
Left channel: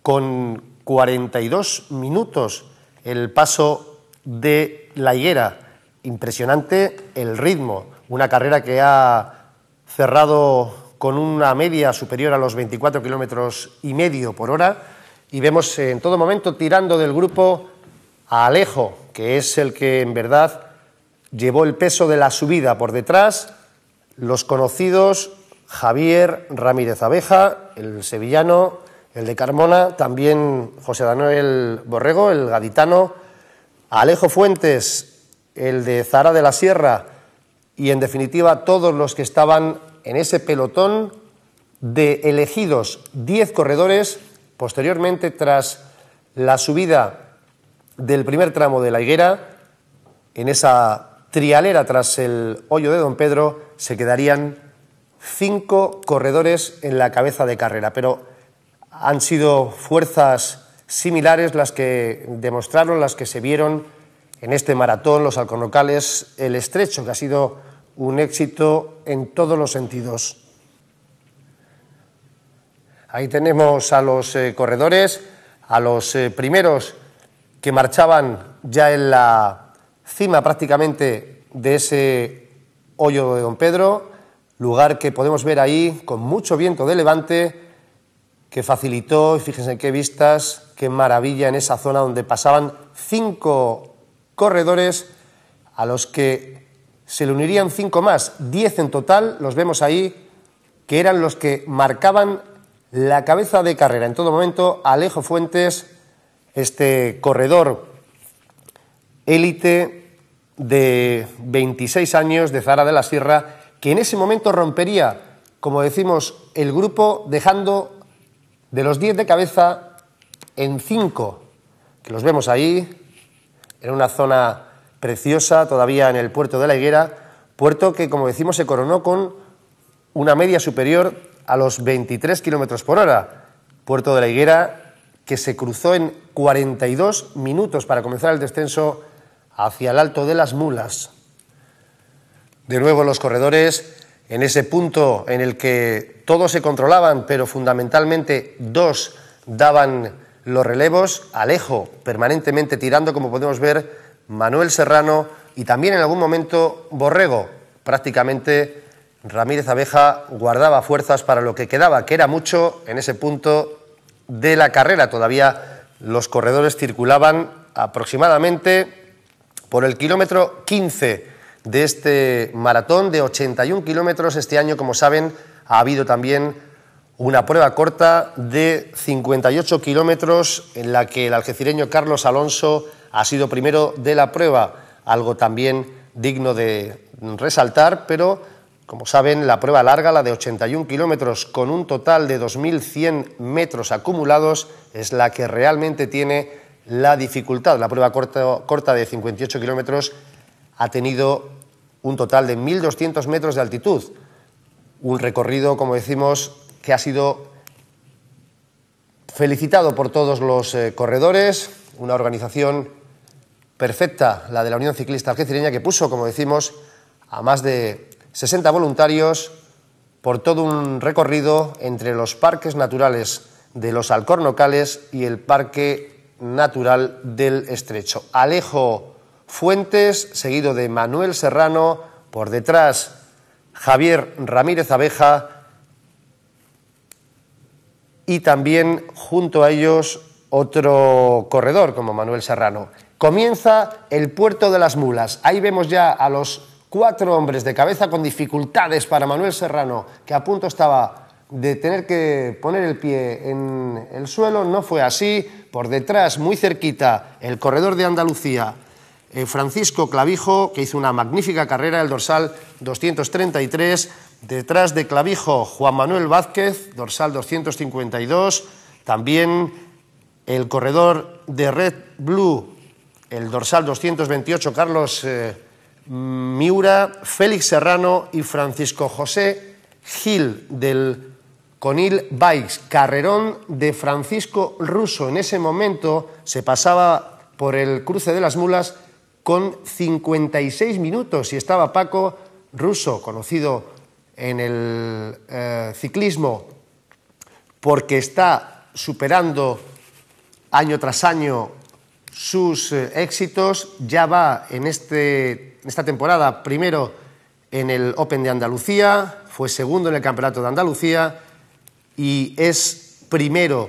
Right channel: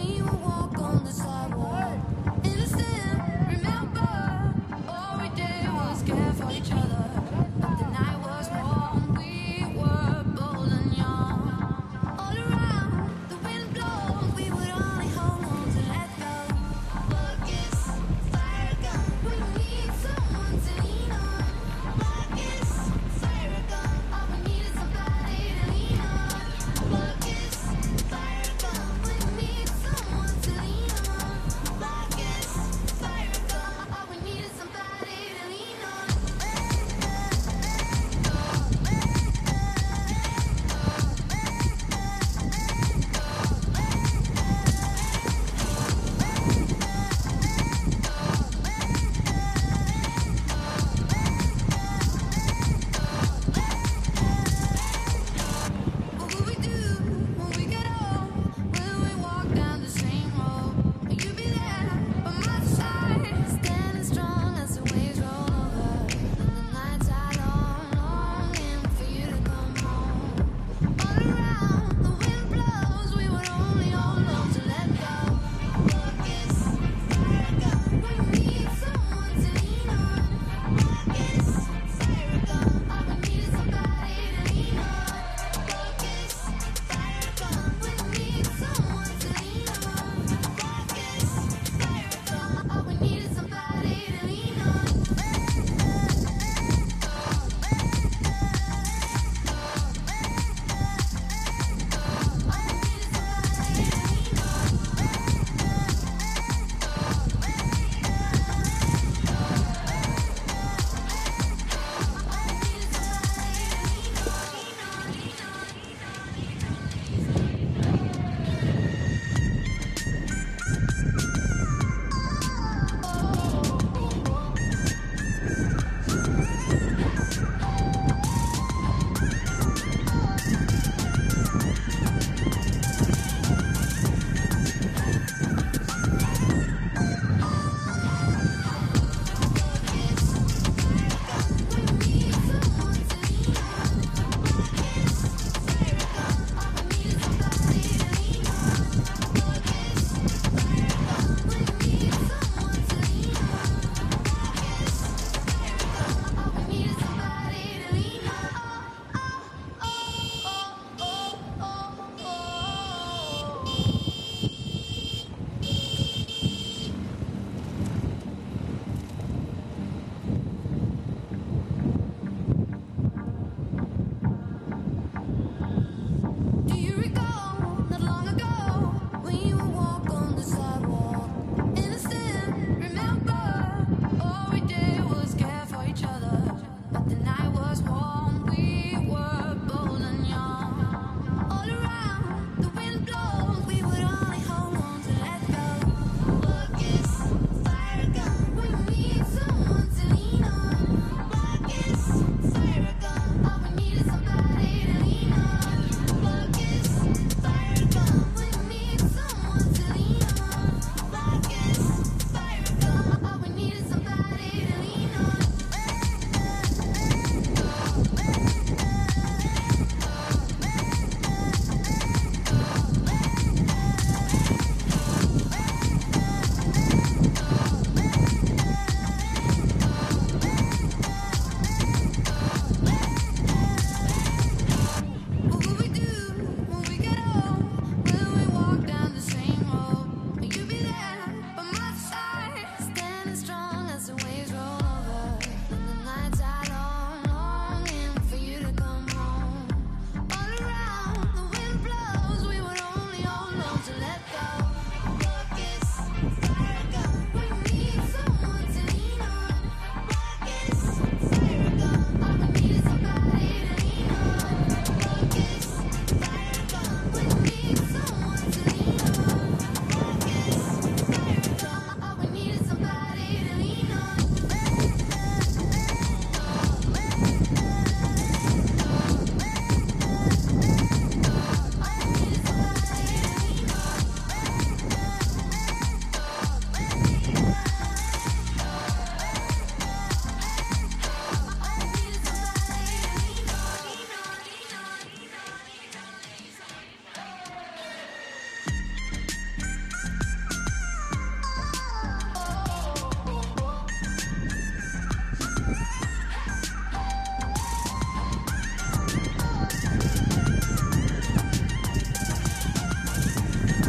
con 42 minutos el paso de la Higuera. Impresionante el ritmo, una carrera que ha cerrado con una media superior a los 24 kilómetros y medio por hora, y vemos en todo momento tirando del grupo a Alejo, que es el que en verdad llevó el peso de la subida. Por detrás, los conocidos Javier Ramírez Abeja, el sevillano, el de Carmona, también José Manuel Borrego, el gaditano, Alejo Fuentes, el de Zara de la Sierra, y en definitiva todos los que estaban en ese pelotón de elegidos 10 corredores. Posteriormente, tras la subida del primer tramo de la Higuera, en esa trialera tras el hoyo de Don Pedro, se quedarían 5 corredores en la cabeza de carrera, pero han sido fuerzas similares las que demostraron, las que se vieron en este maratón, los Alcornocales, el Estrecho, que ha sido un éxito en todos los sentidos. Ahí tenemos a los corredores, a los primeros que marchaban ya en la cima prácticamente de ese hoyo de Don Pedro, lugar que podemos ver ahí con mucho viento de levante que facilitó, fíjense qué vistas, qué maravilla en esa zona donde pasaban 5 corredores a los que se le unirían 5 más, 10 en total, los vemos ahí, que eran los que marcaban la cabeza de carrera. En todo momento, Alejo Fuentes, este corredor élite de 26 años de Zara de la Sierra, que en ese momento rompería, como decimos, el grupo, dejando de los 10 de cabeza en 5. Los vemos ahí, en una zona preciosa, todavía en el puerto de la Higuera, puerto que, como decimos, se coronó con una media superior a los 23 kilómetros por hora. Puerto de la Higuera que se cruzó en 42 minutos para comenzar el descenso hacia el Alto de las Mulas. De nuevo los corredores en ese punto en el que todos se controlaban, pero fundamentalmente 2 daban los relevos. Alejo permanentemente tirando, como podemos ver, Manuel Serrano y también en algún momento Borrego. Prácticamente Ramírez Abeja guardaba fuerzas para lo que quedaba, que era mucho en ese punto de la carrera. Todavía los corredores circulaban aproximadamente por el kilómetro 15 de este maratón de 81 kilómetros. Este año, como saben, ha habido también una prueba corta de 58 kilómetros en la que el algecireño Carlos Alonso ha sido primero de la prueba, algo también digno de resaltar, pero como saben, la prueba larga, la de 81 kilómetros con un total de 2.100 metros acumulados, es la que realmente tiene la dificultad. La prueba corta de 58 kilómetros ha tenido un total de 1.200 metros de altitud. Un recorrido, como decimos, que ha sido felicitado por todos los corredores, una organización perfecta, la de la Unión Ciclista Algecireña, que puso, como decimos, a más de 60 voluntarios por todo un recorrido entre los parques naturales de los Alcornocales y el Parque Natural del Estrecho. Alejo Fuentes, seguido de Manuel Serrano, por detrás Javier Ramírez Abeja y también junto a ellos otro corredor como Manuel Serrano. Comienza el Puerto de las Mulas. Ahí vemos ya a los 4 hombres de cabeza con dificultades para Manuel Serrano, que a punto estaba de tener que poner el pie en el suelo. No fue así. Por detrás, muy cerquita, el corredor de Andalucía, Francisco Clavijo, que hizo una magnífica carrera, el dorsal 233. Detrás de Clavijo, Juan Manuel Vázquez, dorsal 252. También el corredor de Red Blue, el dorsal 228, Carlos Miura, Félix Serrano y Francisco José Gil del Conil Bikes. Carrerón de Francisco Russo. En ese momento se pasaba por el cruce de las Mulas con 56 minutos y estaba Paco Russo, conocido en el ciclismo porque está superando año tras año sus éxitos. Ya va en esta temporada primero en el Open de Andalucía, fue segundo en el Campeonato de Andalucía y es primero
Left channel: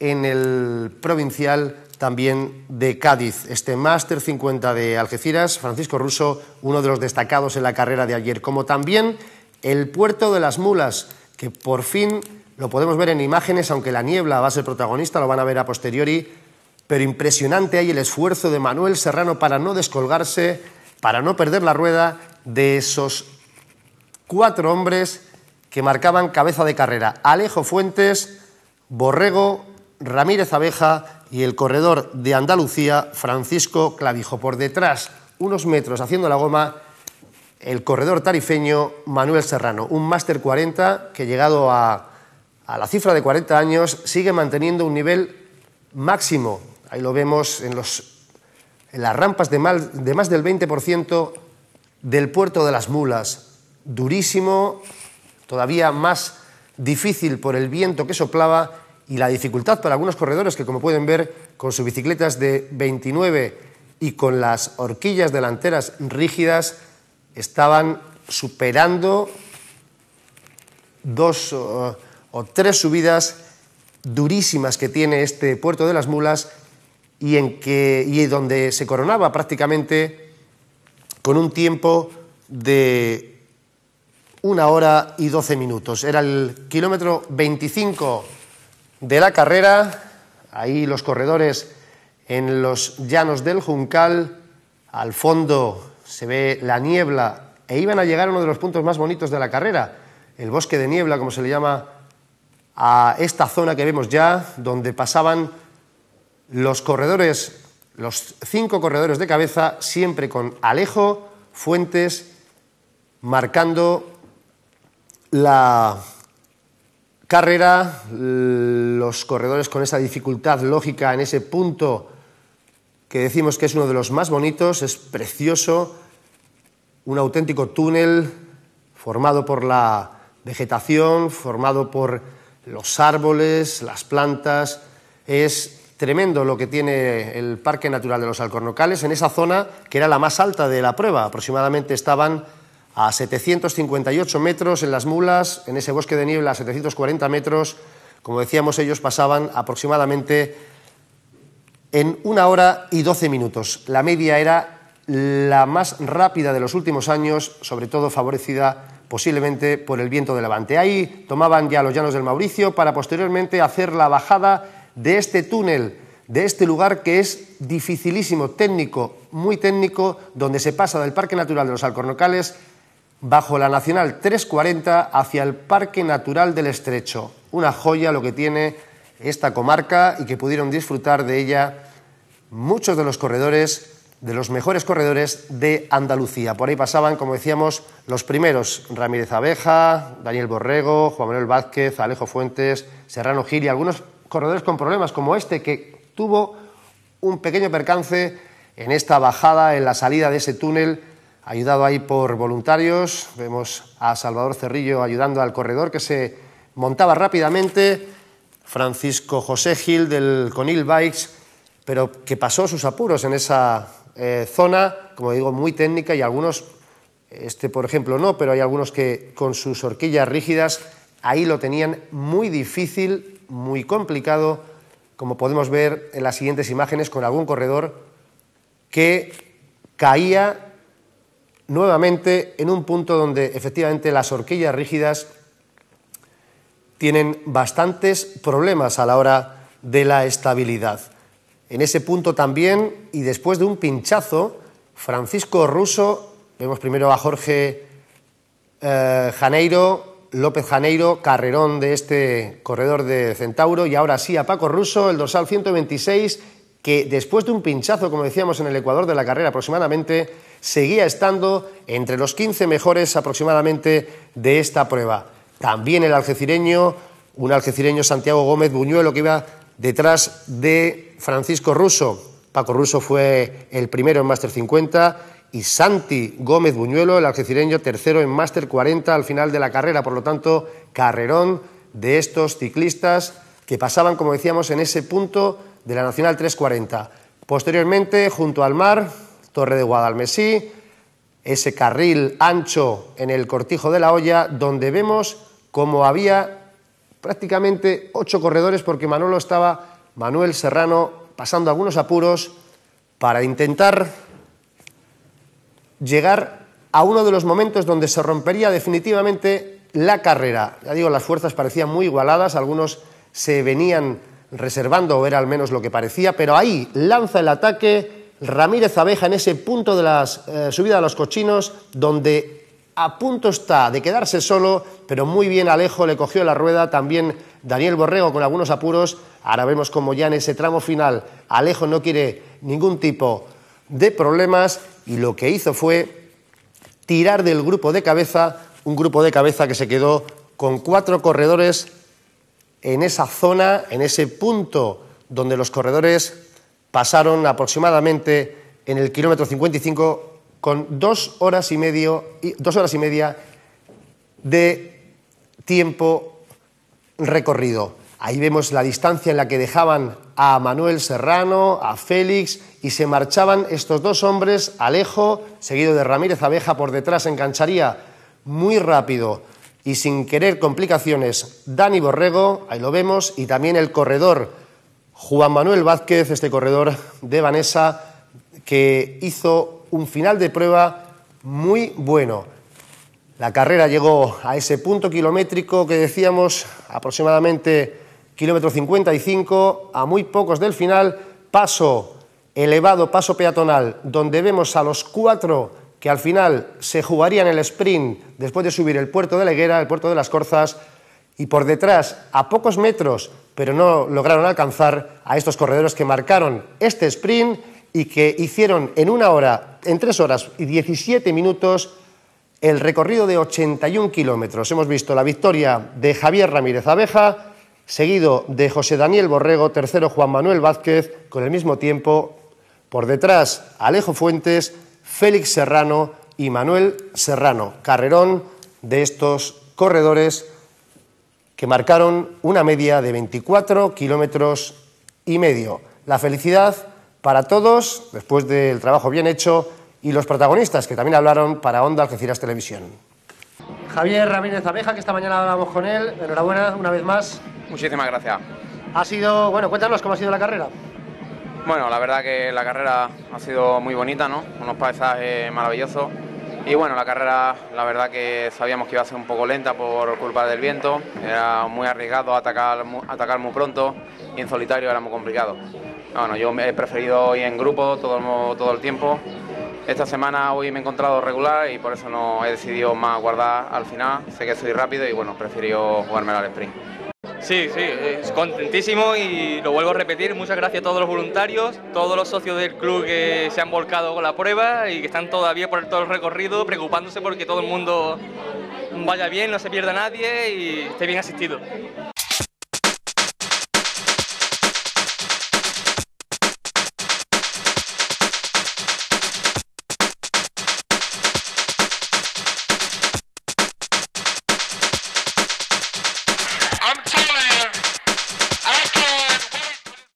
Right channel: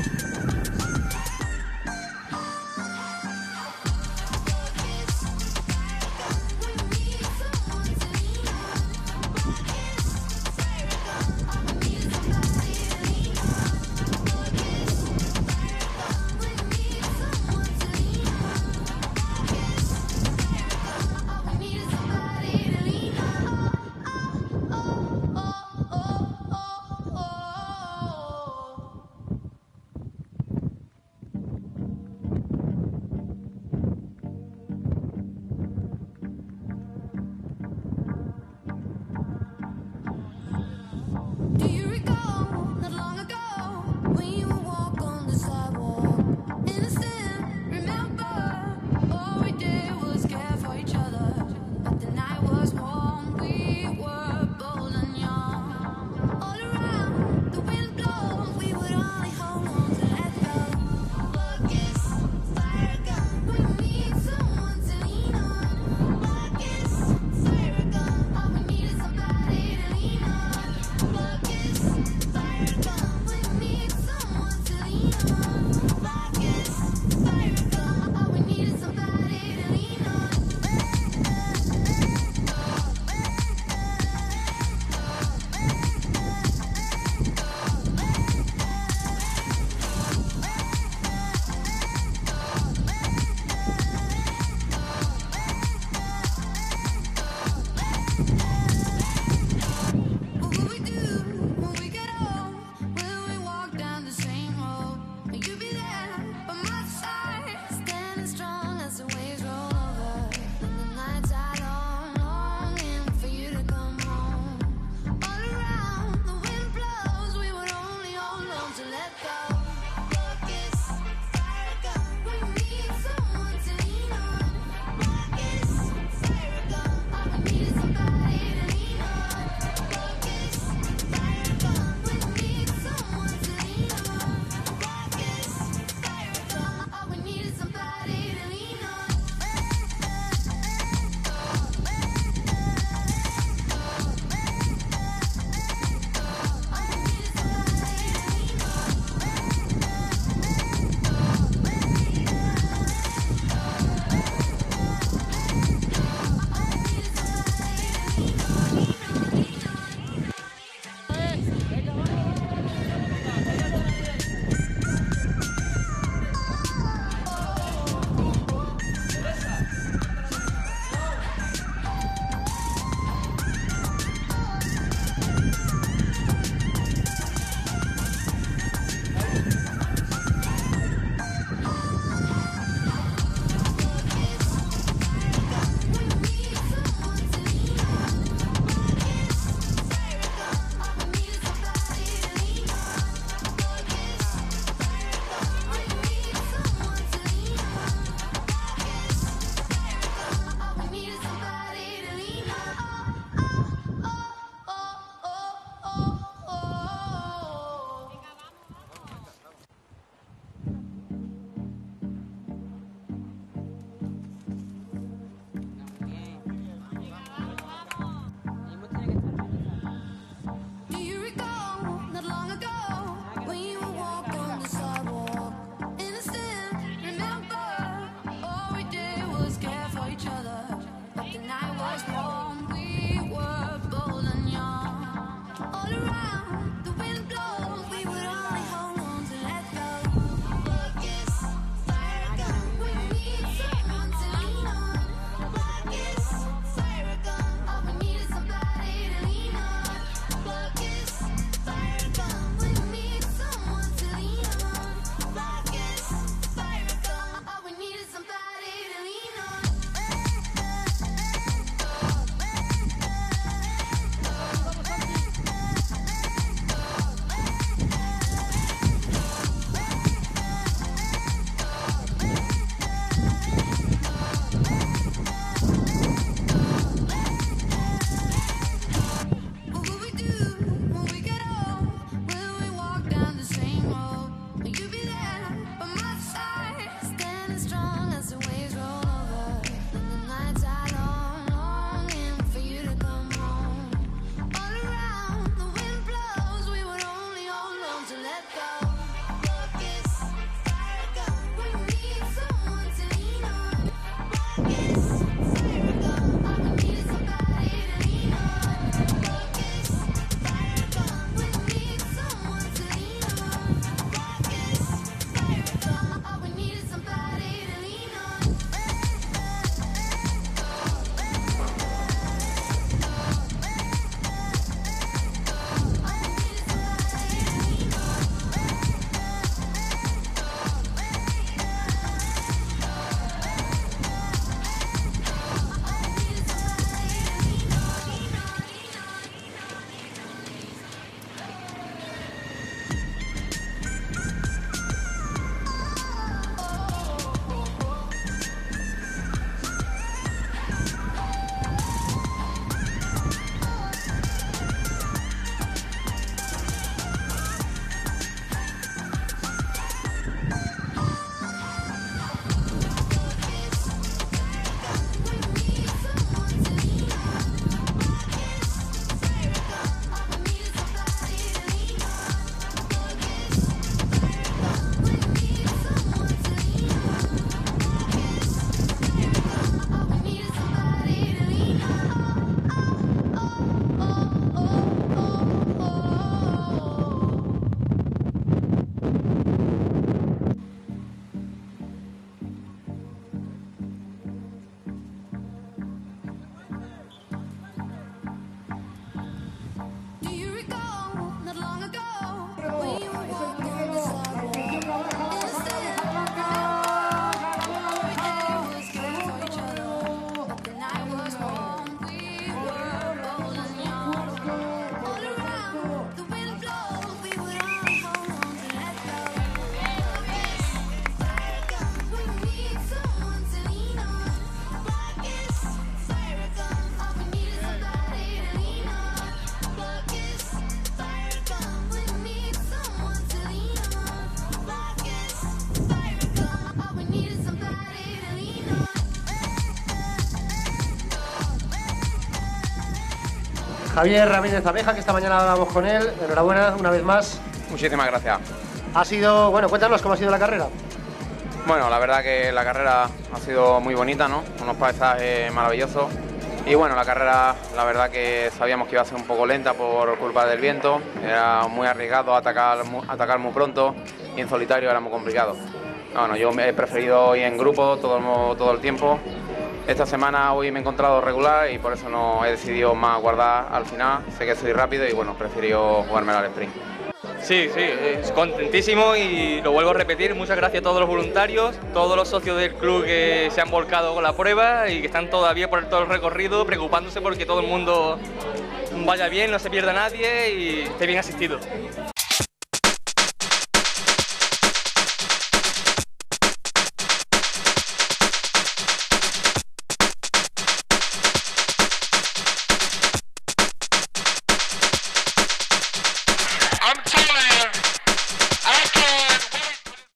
en el provincial también de Cádiz. Este Máster 50 de Algeciras, Francisco Russo, uno de los destacados en la carrera de ayer, como también el Puerto de las Mulas, que por fin lo podemos ver en imágenes, aunque la niebla va a ser protagonista, lo van a ver a posteriori, pero impresionante ahí el esfuerzo de Manuel Serrano para no descolgarse, para no perder la rueda de esos 4 hombres que marcaban cabeza de carrera: Alejo Fuentes, Borrego, Ramírez Abeja y el corredor de Andalucía, Francisco Clavijo. Por detrás, unos metros haciendo la goma, el corredor tarifeño Manuel Serrano. Un Máster 40 que, llegado a la cifra de 40 años, sigue manteniendo un nivel máximo. Ahí lo vemos en las rampas de más del 20% del Puerto de las Mulas. Durísimo, todavía más difícil por el viento que soplaba y la dificultad para algunos corredores que, como pueden ver, con sus bicicletas de 29 y con las horquillas delanteras rígidas, estaban superando 2 o 3 subidas durísimas que tiene este Puerto de las Mulas y donde se coronaba prácticamente con un tiempo de 1 hora y 12 minutos. Era el kilómetro 25 de la carrera. Ahí los corredores en los llanos del Juncal. Al fondo se ve la niebla e iban a llegar a uno de los puntos más bonitos de la carrera, el bosque de niebla, como se le llama a esta zona que vemos ya, donde pasaban los corredores, los 5 corredores de cabeza, siempre con Alejo Fuentes marcando la carrera. Los corredores con esa dificultad lógica en ese punto que decimos que es uno de los más bonitos, es precioso, un auténtico túnel formado por la vegetación, formado por los árboles, las plantas. Es tremendo lo que tiene el Parque Natural de los Alcornocales en esa zona que era la más alta de la prueba. Aproximadamente estaban a 758 metros en las Mulas, en ese bosque de niebla a 740 metros. Como decíamos, ellos pasaban aproximadamente en 1 hora y 12 minutos. La media era la más rápida de los últimos años, sobre todo favorecida posiblemente por el viento de levante. Ahí tomaban ya los llanos del Mauricio para posteriormente hacer la bajada de este túnel, de este lugar que es dificilísimo, técnico, muy técnico, donde se pasa del Parque Natural de los Alcornocales bajo la Nacional 340 hacia el Parque Natural del Estrecho. Una joya lo que tiene esta comarca y que pudieron disfrutar de ella muchos de los corredores, de los mejores corredores de Andalucía. Por ahí pasaban, como decíamos, los primeros: Ramírez Abeja, Daniel Borrego, Juan Manuel Vázquez, Alejo Fuentes, Serrano Gil y algunos corredores con problemas como este, que tuvo un pequeño percance en esta bajada, en la salida de ese túnel, ayudado ahí por voluntarios. Vemos a Salvador Cerrillo ayudando al corredor, que se montaba rápidamente, Francisco José Gil del Conil Bikes, pero que pasó sus apuros en esa zona, como digo, muy técnica, y algunos, por ejemplo no, pero hay algunos que con sus horquillas rígidas ahí lo tenían muy difícil, muy complicado, como podemos ver en las siguientes imágenes, con algún corredor que caía nuevamente en un punto donde efectivamente las horquillas rígidas tienen bastantes problemas a la hora de la estabilidad. En ese punto también, y después de un pinchazo, Francisco Russo, vemos primero a Jorge López Janeiro, carrerón de este corredor de Centauro, y ahora sí a Paco Russo, el dorsal 126, que después de un pinchazo, como decíamos, en el ecuador de la carrera aproximadamente, seguía estando entre los 15 mejores aproximadamente de esta prueba. También el algecireño, un algecireño, Santiago Gómez Buñuelo, que iba detrás de Francisco Russo. Paco Russo fue el primero en Máster 50 y Santi Gómez Buñuelo, el algecireño, tercero en Máster 40 al final de la carrera. Por lo tanto, carrerón de estos ciclistas que pasaban, como decíamos, en ese punto de la Nacional 340. Posteriormente, junto al mar, Torre de Guadalmesí, ese carril ancho en el Cortijo de la Hoya, donde vemos como había prácticamente 8 corredores, porque Manuel Serrano pasando algunos apuros para intentar llegar a uno de los momentos donde se rompería definitivamente la carrera. Ya digo, las fuerzas parecían muy igualadas, algunos se venían reservando, o era al menos lo que parecía, pero ahí lanza el ataque Ramírez Abeja en ese punto de la subida a los Cochinos, donde a punto está de quedarse solo, pero muy bien Alejo le cogió la rueda, también Daniel Borrego con algunos apuros. Ahora vemos como ya en ese tramo final Alejo no quiere ningún tipo de problemas y lo que hizo fue tirar del grupo de cabeza, un grupo de cabeza que se quedó con 4 corredores en esa zona, en ese punto donde los corredores pasaron aproximadamente en el kilómetro 55 con 2 horas y media de tiempo recorrido. Ahí vemos la distancia en la que dejaban a Manuel Serrano, a Félix, y se marchaban estos 2 hombres, Alejo, seguido de Ramírez Abeja, por detrás engancharía muy rápido y sin querer complicaciones Dani Borrego, ahí lo vemos, y también el corredor Juan Manuel Vázquez, este corredor de Vanessa, que hizo un final de prueba muy bueno. La carrera llegó a ese punto kilométrico que decíamos, aproximadamente kilómetro 55, a muy pocos del final, paso elevado, paso peatonal, donde vemos a los 4 que al final se jugarían el sprint después de subir el puerto de la Higuera, el puerto de las Corzas, y por detrás, a pocos metros, pero no lograron alcanzar a estos corredores que marcaron este sprint y que hicieron en 1 hora, en 3 horas y 17 minutos, el recorrido de 81 kilómetros. Hemos visto la victoria de Javier Ramírez Abeja, seguido de José Daniel Borrego, tercero Juan Manuel Vázquez, con el mismo tiempo. Por detrás, Alejo Fuentes, Félix Serrano y Manuel Serrano. Carrerón de estos corredores que marcaron una media de 24 kilómetros y medio. La felicidad para todos, después del trabajo bien hecho, y los protagonistas que también hablaron para Onda Algeciras Televisión. Javier Ramírez Abeja, que esta mañana hablamos con él, enhorabuena una vez más. Muchísimas gracias. Ha sido, bueno, cuéntanos cómo ha sido la carrera. Bueno, la verdad que la carrera ha sido muy bonita, ¿no? Unos paisajes maravillosos. Y bueno, la carrera, la verdad que sabíamos que iba a ser un poco lenta por culpa del viento. Era muy arriesgado atacar muy pronto y en solitario era muy complicado. Bueno, yo he preferido ir en grupo todo el tiempo. Esta semana hoy me he encontrado regular y por eso no he decidido más guardar al final. Sé que soy rápido y bueno, prefiero jugármela al sprint. Sí, es contentísimo y lo vuelvo a repetir, muchas gracias a todos los voluntarios, todos los socios del club que se han volcado con la prueba y que están todavía por todo el recorrido preocupándose porque todo el mundo vaya bien, no se pierda nadie y esté bien asistido.